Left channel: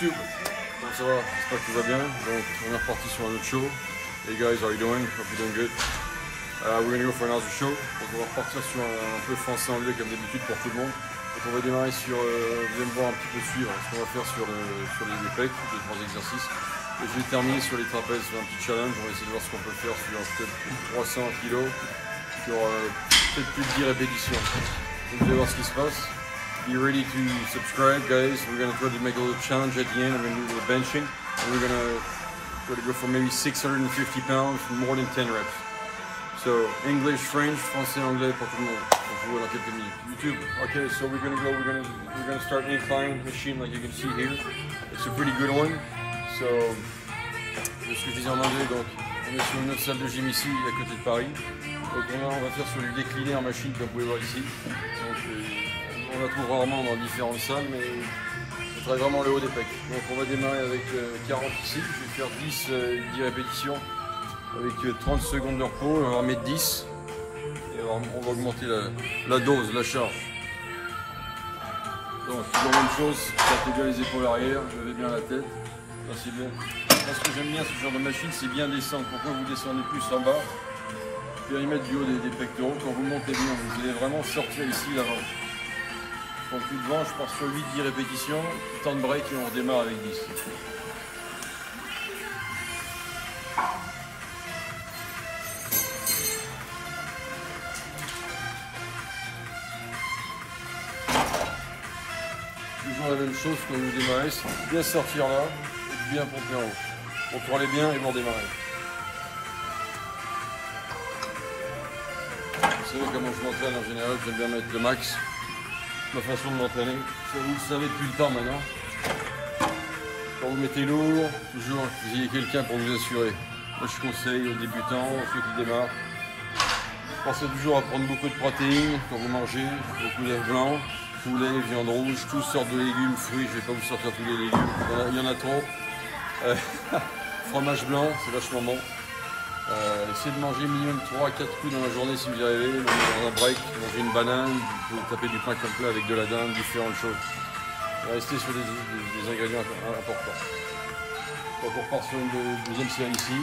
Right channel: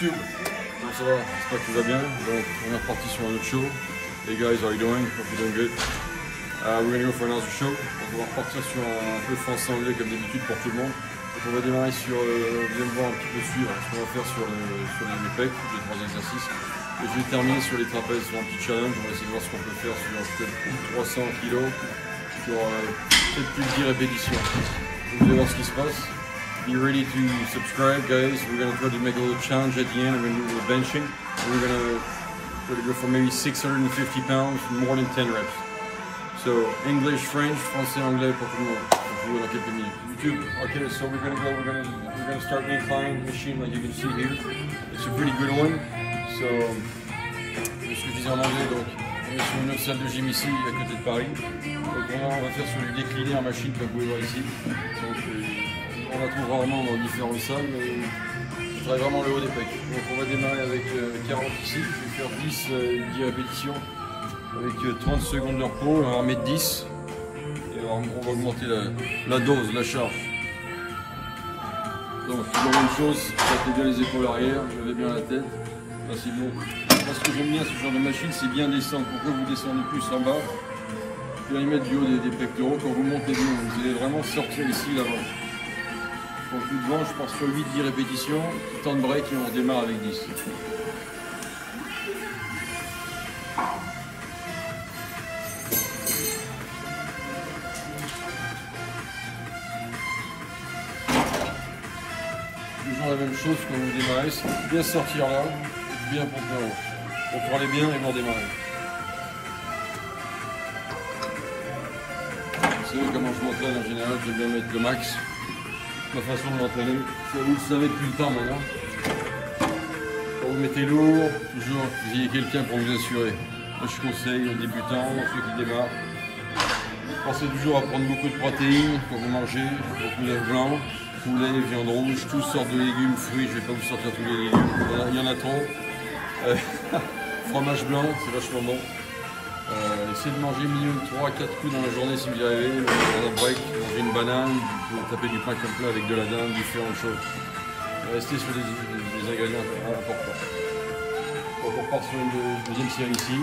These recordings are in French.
YouTube, comment ça va? J'espère que tout va bien. Donc, on est reparti sur un autre show. Hey guys, how are you doing? Hope you're doing good. We're gonna go for another show. Donc, on va repartir sur un peu français-anglais comme d'habitude pour tout le monde. Donc, on va démarrer sur, vous allez me voir un petit peu suivre ce qu'on va faire sur les pecs, 2-3 exercices. Et je vais terminer sur les trapèzes, sur un petit challenge. On va essayer de voir ce qu'on peut faire sur peut-être 300 kg, sur peut-être plus de 10 répétitions. Donc, vous allez voir ce qui se passe. Be ready to subscribe, guys. We're gonna try to make a little challenge at the end. We're gonna do the benching. And we're gonna try to go for maybe 650 pounds, more than 10 reps. So English, French, français, anglais pour tout le monde. On se voit dans quelques minutes. YouTube. Okay, so we're gonna start an incline machine like you can see here. It's a pretty good one. So je suis visé en anglais, donc on est sur une autre salle de gym ici, à côté de Paris. Donc on va faire sur du décliné en machine comme vous pouvez voir ici. Donc, on la trouve rarement dans différentes salles, mais on travaille vraiment le haut des pecs. Donc on va démarrer avec 40 ici, je vais faire 10 répétitions avec 30 secondes de repos, on va remettre 10 et on va augmenter la dose, la charge. Donc toujours la même chose, battez bien les épaules arrière, levez bien la tête, ça c'est bien. Parce que j'aime bien ce genre de machine, c'est bien descendre. Pourquoi vous descendez plus en bas? Bien y mettre du haut des pectoraux, quand vous montez bien, vous allez vraiment sortir ici l'avant. Donc plus devant, je pars sur 8-10 répétitions, petit temps de break et on redémarre avec 10. Toujours la même chose quand vous démarrez, c'est bien sortir là, et bien pomper en haut. Contrôlez bien et vous redémarrez. Vous savez comment je m'entraîne en général, j'aime bien mettre le max. Ma façon de m'entraîner, vous le savez depuis le temps maintenant. Quand vous mettez lourd, toujours vous ayez quelqu'un pour vous assurer. Moi je conseille aux débutants, ceux qui démarrent, pensez toujours à prendre beaucoup de protéines quand vous mangez, beaucoup d'œufs blancs, poulet, viande rouge, toutes sortes de légumes, fruits, je ne vais pas vous sortir tous les légumes, il y en a trop. Fromage blanc, c'est vachement bon. Essayez de manger minimum 3 à 4 coups dans la journée si vous y arrivez, dans un break, manger une banane, vous pouvez taper du pain comme plat avec de la dinde, différentes choses. Restez sur des ingrédients importants. Donc on repart sur une deuxième série ici.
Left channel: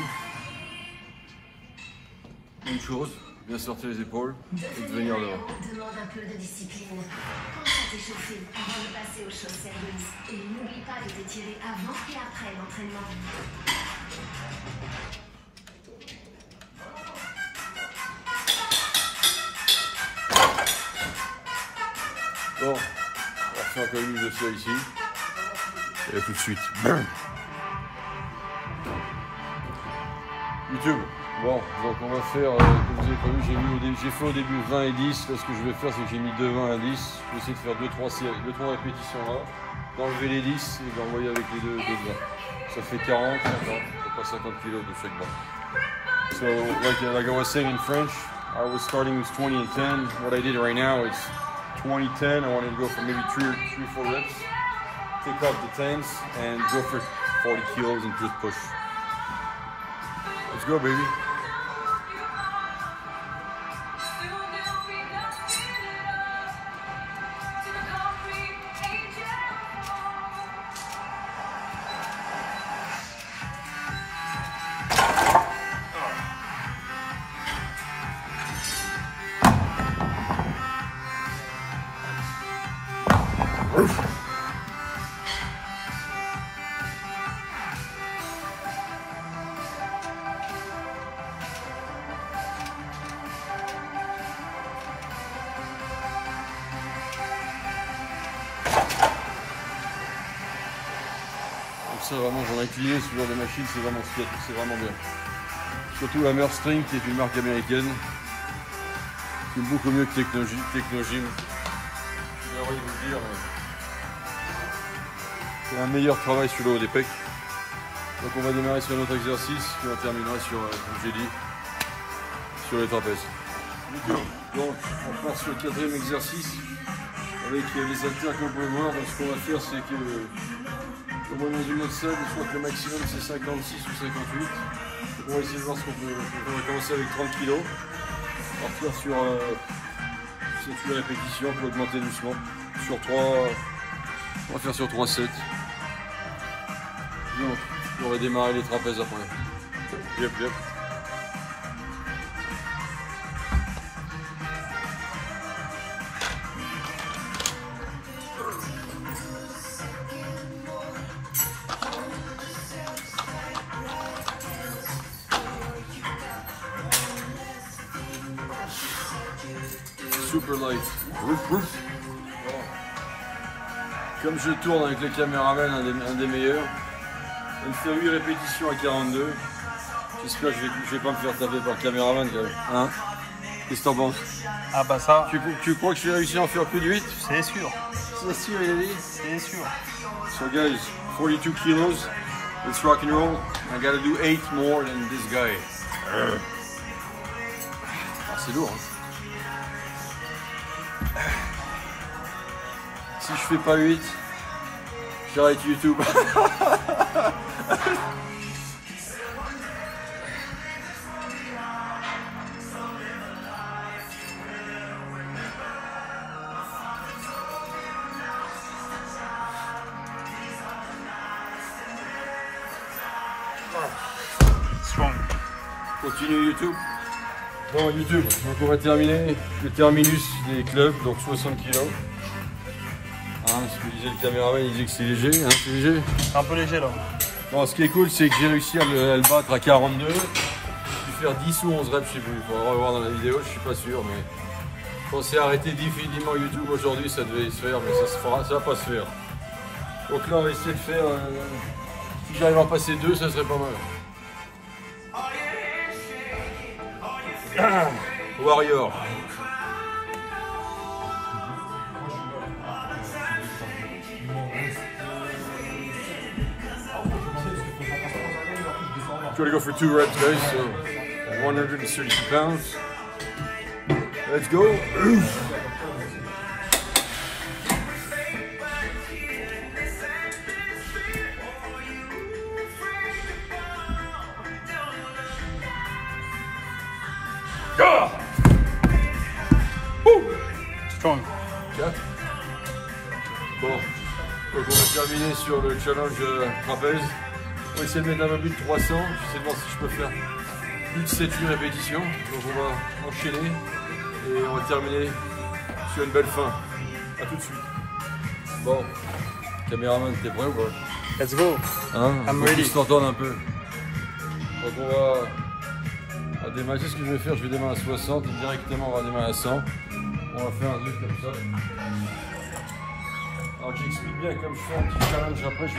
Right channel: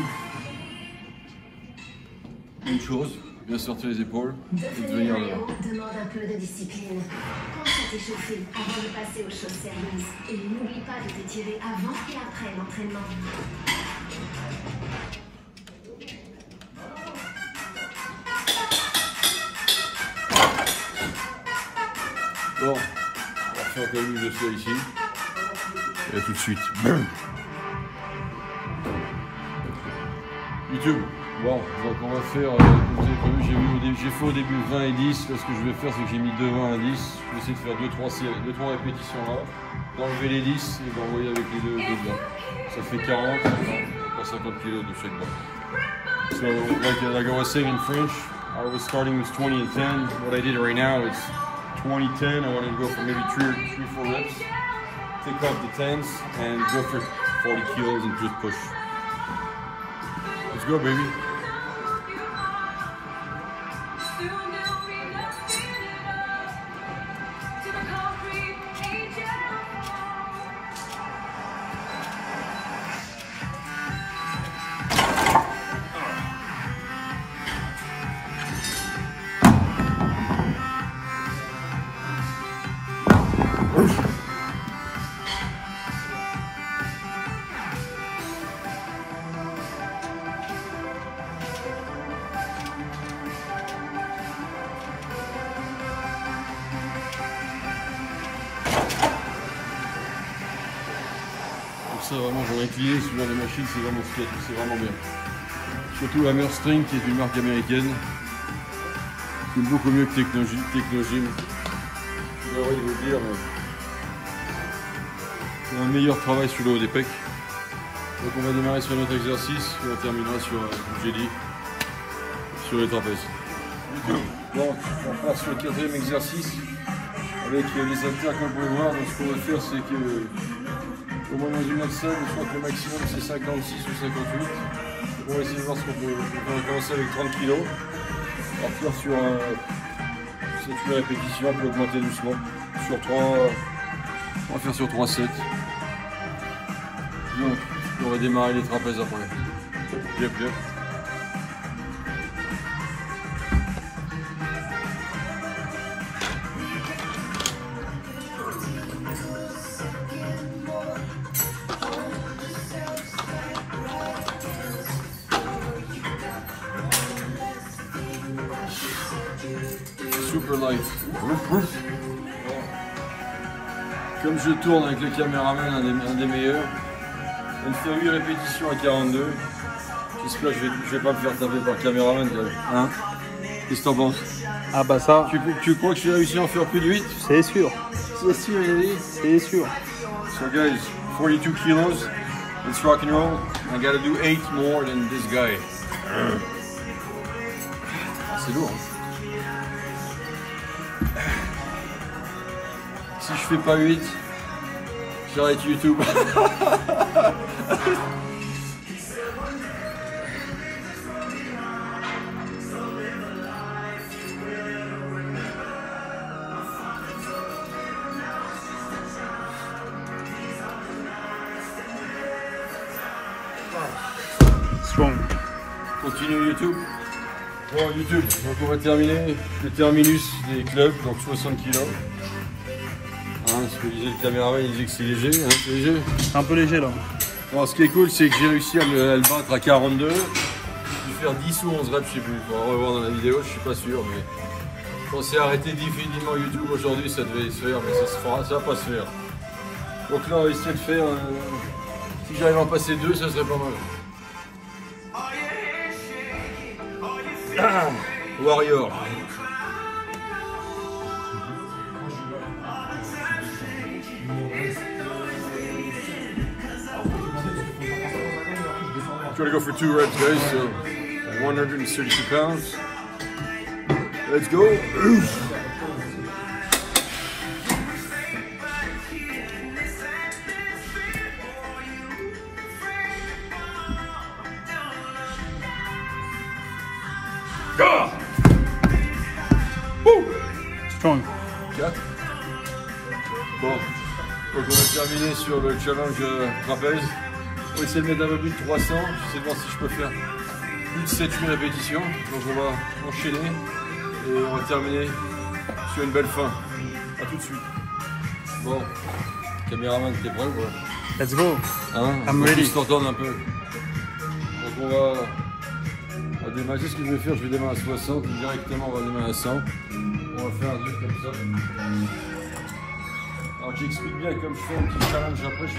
Une chose, bien sortir les épaules et de venir devant. Demande un peu de discipline. Quand tu t'es chauffé, avant de passer au show service. Et n'oublie pas de t'étirer avant et après l'entraînement. Bon, on va faire encore une de ça ici. Et à tout de suite. YouTube. Bon, donc on va faire, comme vous avez prévu, j'ai fait au début 20 et 10. Là, ce que je vais faire, c'est que j'ai mis de 20 à 10. Je vais essayer de faire 2-3 répétitions là, d'enlever les 10 et d'envoyer avec les deux bras. Ça fait 40, pas 50 kg de chaque bras. So, like I was saying in French, I was starting with 20 and 10. What I did right now is 20, 10. I wanted to go for maybe 3-4 reps. Take off the 10s and go for 40 kilos and just push. Let's go, baby. Ça vraiment, j'en ai utilisé ce genre de machine, c'est vraiment chouette, c'est vraiment bien. Surtout Hammer String qui est une marque américaine, qui est beaucoup mieux que Technogym. C'est un meilleur travail sur le haut des pecs. Donc on va démarrer sur notre exercice et on terminera sur, comme j'ai dit, sur les trapèzes. Donc on passe sur le 4e exercice avec les haltères qu'on peut voir. Donc ce qu'on va faire, c'est que au moins dans une autre salle, je crois que le maximum c'est 56 ou 58. Donc on va essayer de voir ce qu'on peut. On va commencer avec 30 kg. Partir sur 7 répétitions, on peut augmenter doucement. Sur 3, on va faire sur 3 sets. Donc, on va démarrer les trapèzes après. Yep, yep. Super light. Comme je tourne avec le caméraman, un des meilleurs, une fois 8 répétitions à 42. J'espère que je vais pas me faire taper par le caméraman. Hein? Qu'est-ce que t'en penses? Ah bah ça. Tu crois que je vais réussir à en faire plus de 8? C'est sûr. C'est sûr, il est dit. C'est sûr. So guys, 42 kilos. Let's rock and roll. I gotta do 8 more than this guy. Ah, c'est lourd, hein. Si je fais pas 8, j'arrête YouTube. Continue YouTube. Bon, YouTube, donc on va terminer le terminus des clubs, donc 60 kg. Hein, ce que disait le caméraman, il disait que c'est léger, hein, c'est léger. C'est un peu léger là. Bon, ce qui est cool, c'est que j'ai réussi à le battre à 42. Je vais faire 10 ou 11 reps si vous pouvez revoir dans la vidéo, je suis pas sûr, mais on s'est arrêté définitivement YouTube aujourd'hui, ça devait se faire, mais ça va pas se faire. Donc là, on va essayer de faire, si j'arrive à en passer 2, ça serait pas mal. Warrior. Try to go for 2 reps, guys. So 132 pounds. Let's go. Strong. Bon, donc on va terminer sur le challenge trapèze. On va essayer de mettre un peu plus de 300. J'essaie de voir si je peux faire plus de 7-8 répétitions. Donc on va enchaîner et on va terminer sur une belle fin. A tout de suite. Bon, caméraman, t'es prêt quoi? Let's go. Hein, I'm on ready. se t'entendre un peu. Donc on va démarrer. C'est ce que je vais faire. Je vais démarrer à 60. Directement on va démarrer à 100. On va faire un truc comme ça. Alors j'explique bien, comme je fais un petit challenge après, je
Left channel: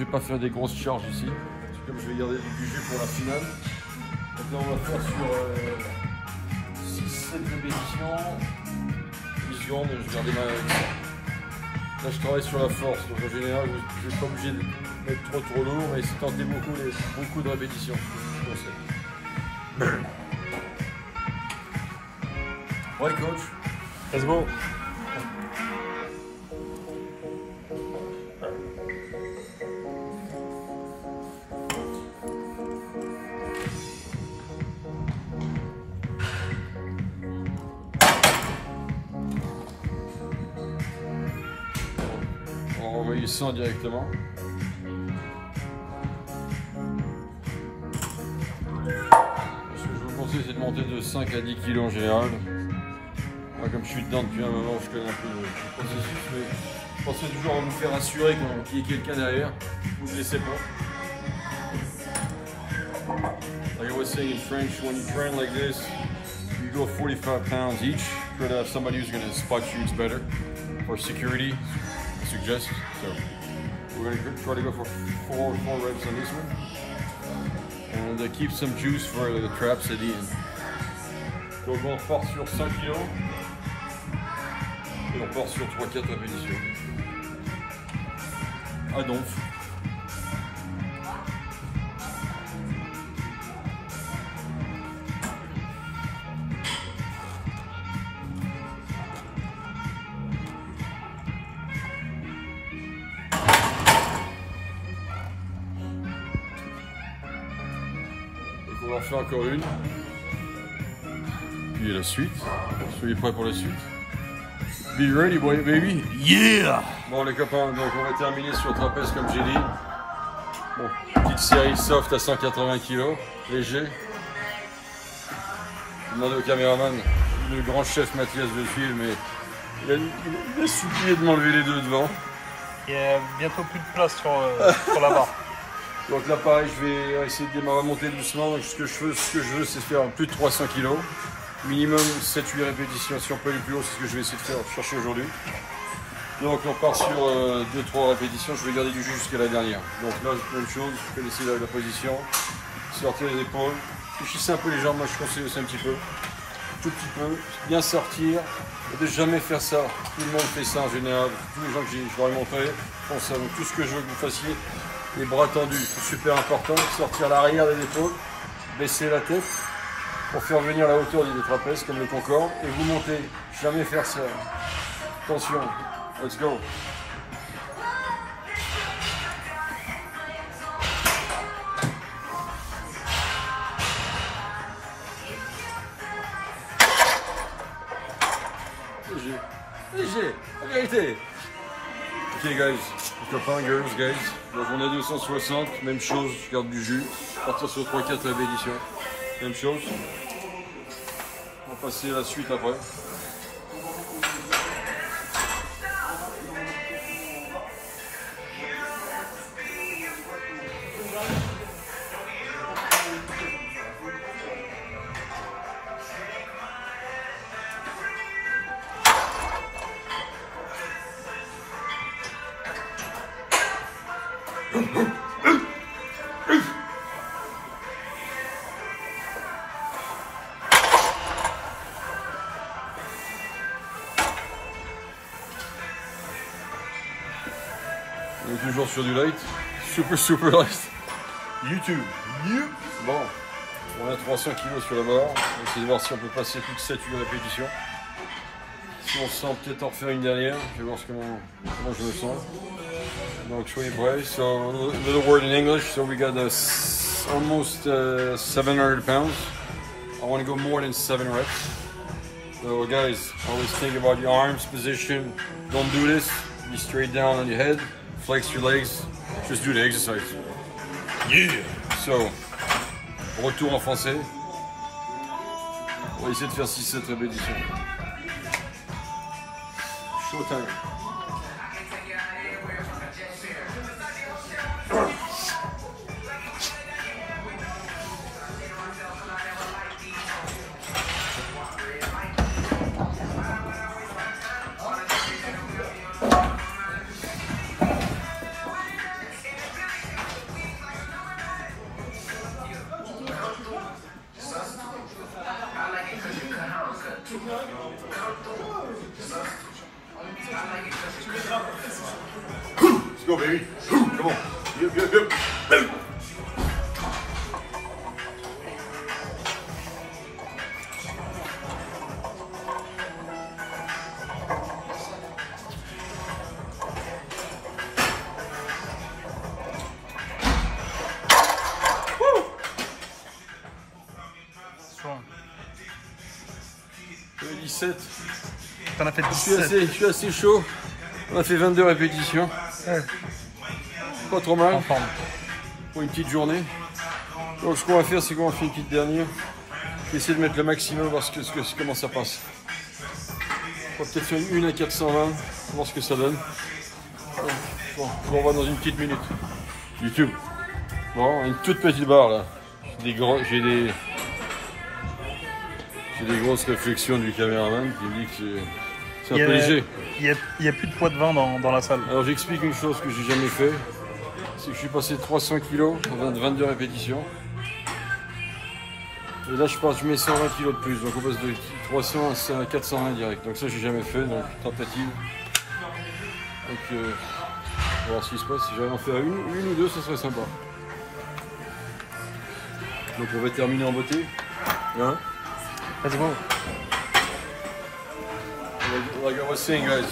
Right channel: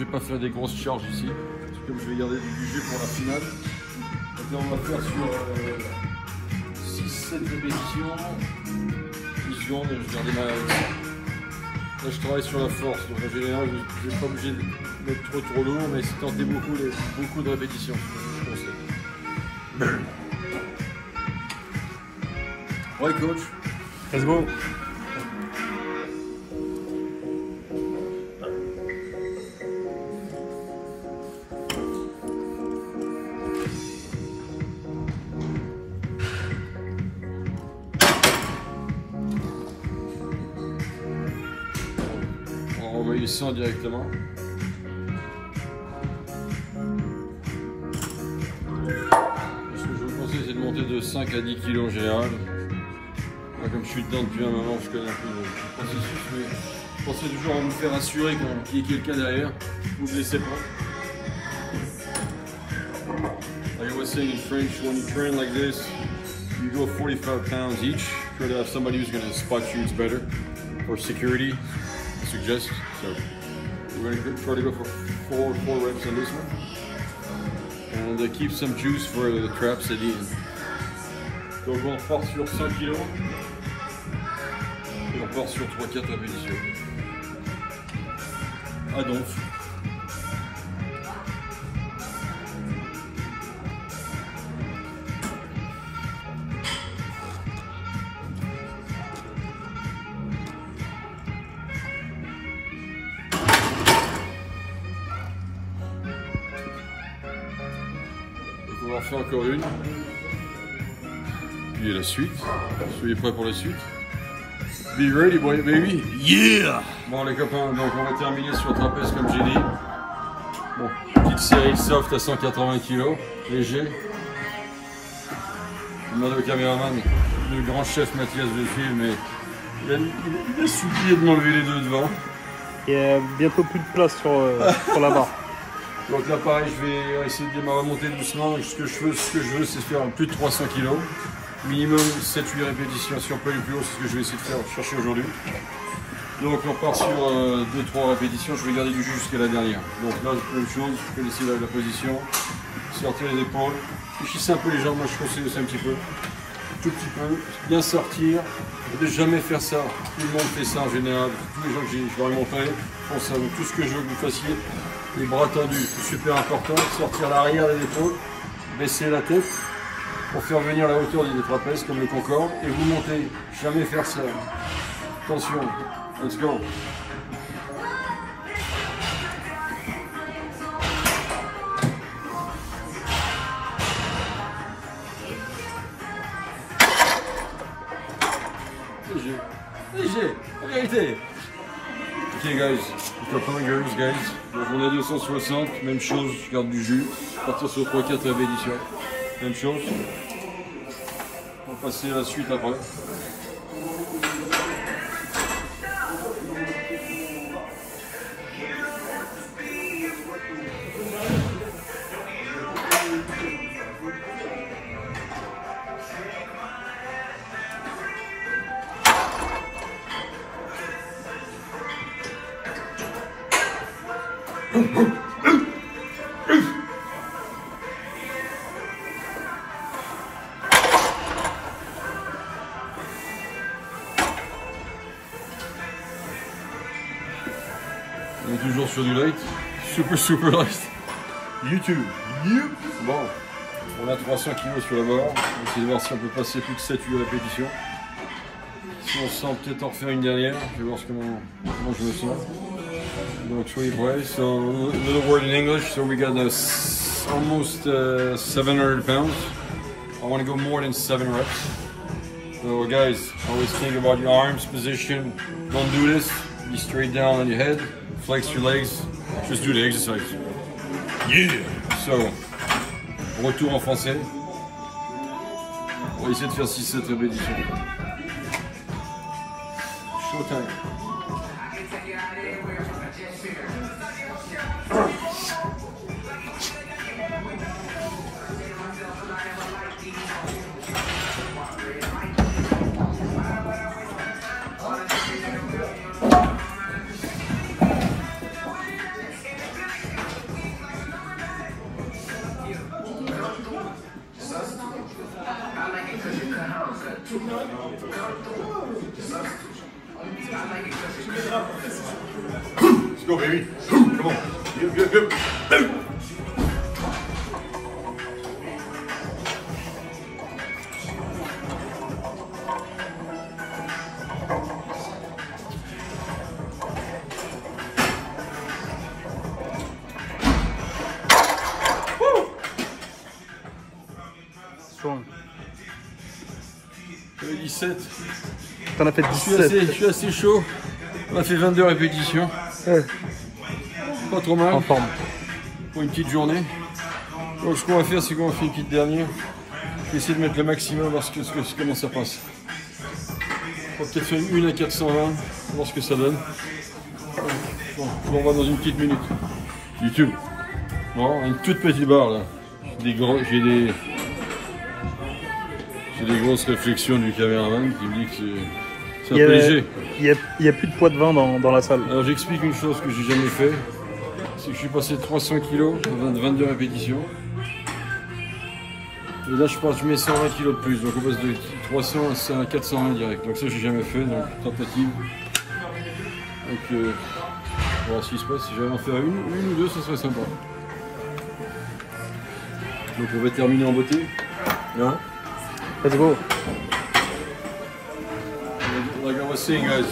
vais pas faire des grosses charges ici. Comme je vais garder du budget pour la finale. Donc là, on va faire sur 6-7 répétitions, 10 secondes, je vais redémarrer avec ça. Là je travaille sur la force, donc en général vous n'êtes pas obligé de mettre trop lourd, mais c'est tenter beaucoup de répétitions, je conseille. Ouais coach. Let's go. On va envoyer 100 directement. Ce que je vous conseille, c'est de monter de 5 à 10 kg en général. Moi, comme je suis dedans depuis un moment, je connais un peu le processus, mais pensez toujours à vous faire assurer qu'il y ait quelqu'un derrière. Vous ne le laissez pas. Like I was saying in French, when you train like this, you go 45 pounds each. Try to have somebody who's going to spot you, it's better. For security, I suggest. So we're going to try to go for four reps on this one. And keep some juice for the traps at the end. Donc on repart sur 5 kg. Et on part sur 3-4 répétitions. Ah donc. On va en faire encore une. Puis la suite. Soyez prêts pour la suite. Be ready, boy, baby. Yeah! Bon les copains, donc on va terminer sur trapèze comme j'ai dit. Bon, petite série soft à 180 kg, léger. Je demande au caméraman, le grand chef Mathias de film, mais il a supplié de m'enlever les deux devant. Il y a bientôt plus de place sur la main. Donc là pareil, je vais essayer de remonter doucement. Ce que je veux, c'est faire plus de 300 kg. Minimum 7-8 répétitions. Si on peut aller plus haut, c'est ce que je vais essayer de faire, chercher aujourd'hui. Donc on part sur 2-3 répétitions. Je vais garder du jus jusqu'à la dernière. Donc là, même chose, je vais laisser la position. Sortir les épaules. Fléchissez un peu les jambes, moi je conseille aussi un petit peu. Tout petit peu. Bien sortir. De jamais faire ça. Tout le monde fait ça en général. Tous les gens que je leur ai montré font ça. Donc tout ce que je veux que vous fassiez, les bras tendus, c'est super important. Sortir l'arrière des épaules. Baisser la tête. Pour faire venir la hauteur des trapèzes comme le Concorde et vous montez, jamais faire ça. Attention, let's go. Léger, léger, la vérité. Ok guys, copains, girls, guys. Donc on est 260, même chose, je garde du jus. Partir sur 3-4 répétitions. Même chose. On va passer à la suite après. On est toujours sur du light, super light. YouTube. Bon, on a 300 kg sur le bord. On va essayer de voir si on peut passer plus de 7 répétitions. Si on se sent peut-être en refaire une dernière, je vais voir comment je me sens. Donc soyez prêts. So, another word in English. So we got almost 700 pounds. I want to go more than 7 reps. So guys, always think about your arms position. Don't do this. Be straight down on your head. Flex your legs. Just do the exercise. Yeah. So, retour en français. On va essayer de faire 6-7 répétitions. Showtime. Let's go, baby. Come on. Go. Woo! 17. T'en as fait 17. Je suis assez chaud. On a fait 22 répétitions. Ouais. Pas trop mal. En forme. Pour une petite journée. Donc ce qu'on va faire, c'est qu'on va faire une petite dernière. Je vais essayer de mettre le maximum, voir comment ça passe. On va peut-être faire une à 420, voir ce que ça donne. Bon, on va dans une petite minute. YouTube. Bon, une toute petite barre là. J'ai des grosses réflexions du caméraman qui me dit que c'est un peu léger. Il y a plus de poids de vin dans la salle. Alors j'explique une chose que j'ai jamais fait. C'est que je suis passé de 300 kg dans 22 répétitions. Et là je mets 120 kg de plus. Donc on passe de 300 à 420 direct. Donc ça j'ai jamais fait. Donc tentative. Donc on va voir ce qui se passe. Si j'allais en faire une ou deux, ça serait sympa. Donc on va terminer en beauté. Hein? Let's go. Like I was saying, guys,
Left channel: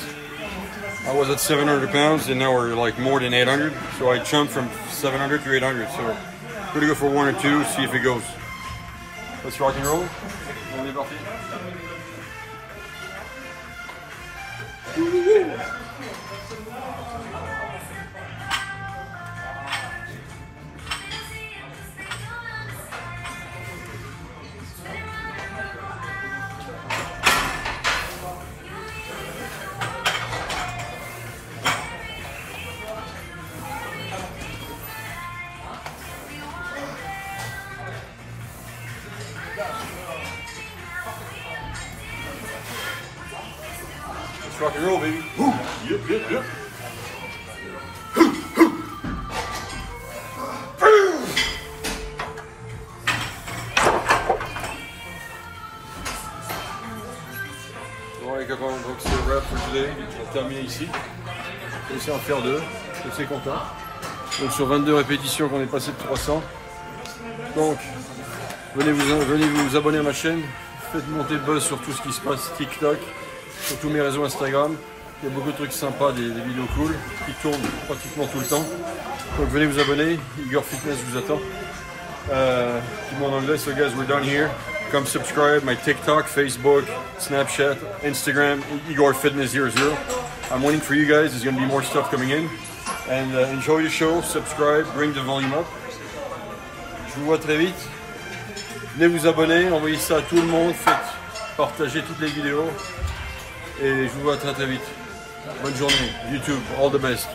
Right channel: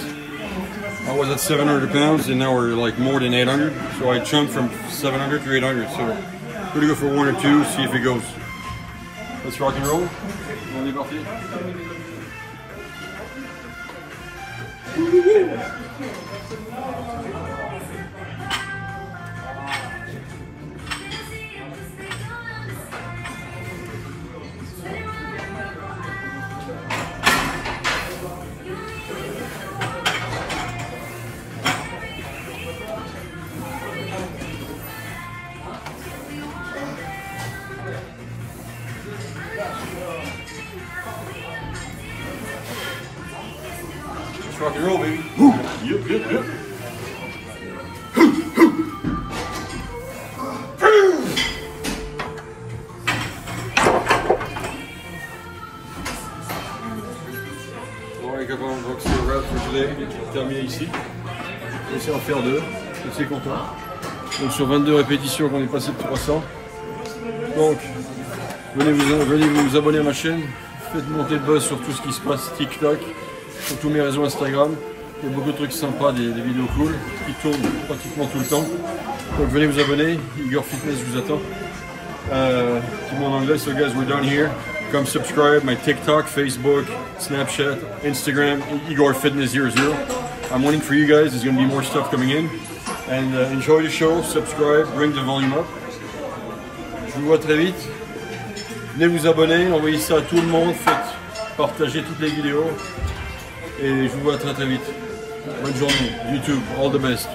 I was at 700 pounds and now we're like more than 800. So I jumped from 700 to 800. So we're gonna go for 1 or 2, see if it goes. Let's rock and roll. On est parti. rock and roll, baby. Yep, yep, yep. Bon les copains, donc c'est le wrap for today. On va terminer ici. On va essayer d'en faire 2. Je suis content. Donc sur 22 répétitions qu'on est passé de 300. Donc venez vous abonner à ma chaîne. Faites monter le buzz sur tout ce qui se passe TikTok, sur tous mes réseaux Instagram. Il y a beaucoup de trucs sympas, des vidéos cool qui tournent pratiquement tout le temps. Donc venez vous abonner. Igor Fitness vous attend. Petit mot en anglais, so guys, we're done here. Come subscribe, my TikTok, Facebook, Snapchat, Instagram, Igor Fitness 00. I'm waiting for you guys, there's going to be more stuff coming in. And enjoy the show, subscribe, bring the volume up. Je vous vois très vite. Venez vous abonner, envoyez ça à tout le monde, faites partager toutes les vidéos. Et je vous vois très très vite. Bonne journée, YouTube, all the best.